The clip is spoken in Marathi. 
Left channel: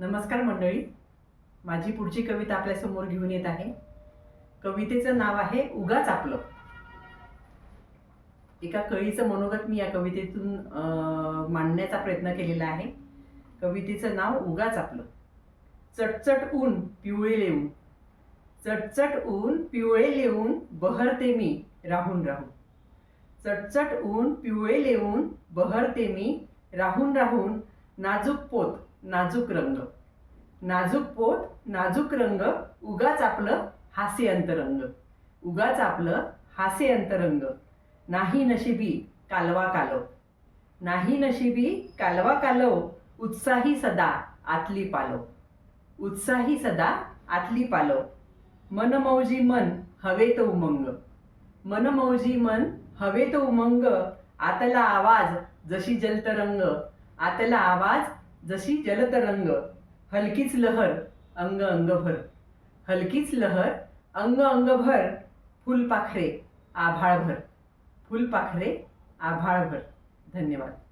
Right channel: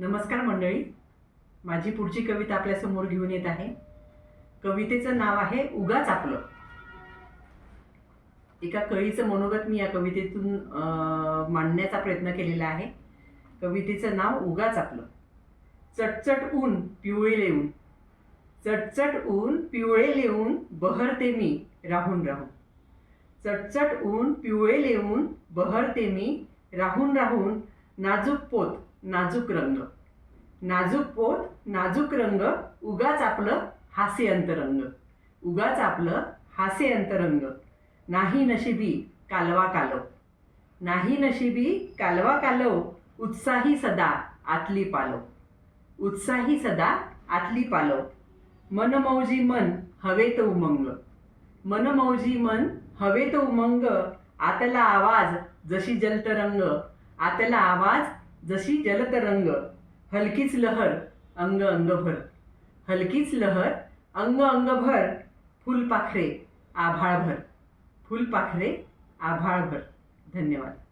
नमस्कार मंडळी. माझी पुढची कविता आपल्यासमोर घेऊन येत आहे. कवितेचं नाव आहे उगाच आपलं. एका कळीचं मनोगत मी या कवितेतून मांडण्याचा प्रयत्न केलेला आहे. कवितेचं नाव उगाच आपलं. चटचट ऊन पिवळे लेऊन. चटचट ऊन पिवळे लेऊन बहरते मी राहून राहून. चटचट ऊन पिवळे लेऊन बहरते मी राहून राहून नाजूक पोत. नाजूक रंग. नाजूक पोत नाजूक रंग उगाच आपलं हास्य अंतरंग उगाच आपलं हास्य अंतरंग नाही नशिबी कालवा कालव. नाही नशिबी कालवा कालव उत्साही सदा आतली पालव. उत्साही सदा आतली पालव. मनमौजी मन हवे तो उमंग. मनमौजी मन हवे तो उमंग. आतला आवाज जशी जलतरंग. आतला आवाज जशी जलतरंग हलकीच लहर अंग अंगभर. हलकीच लहर अंग अंगभर फुलपाखरे आभाळभर. फुलपाखरे आभाळभर. धन्यवाद.